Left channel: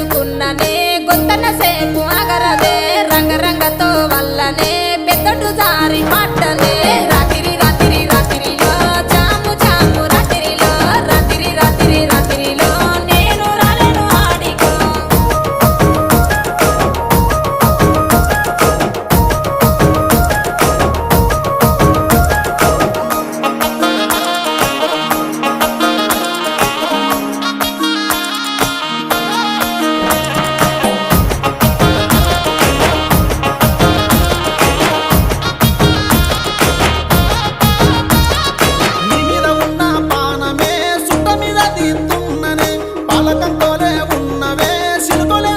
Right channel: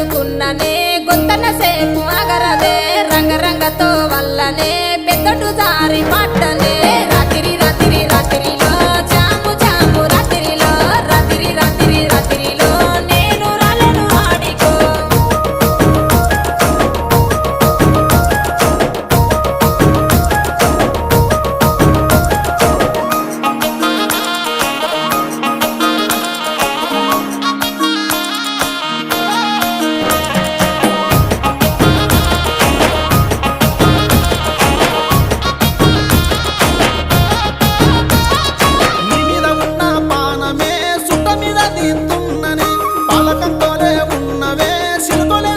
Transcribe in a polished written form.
ఎత్తుకున్ననే గొంతన సేపు అగరదే రంగరంగతో వల్లనే పెద్దటు జారి పట్టనే రాత్రి రాత్రి రాత్రిలో జాము జాము రాత్రిలో రాత్రి రాత్రి రాత్రిలో నేను రాలను ఆడికో నీ మీద ఉన్న పానమే సుట్ట మీద తీస్తున్ననే పాలకంతోనే ఉన్నవే సిలుకొలే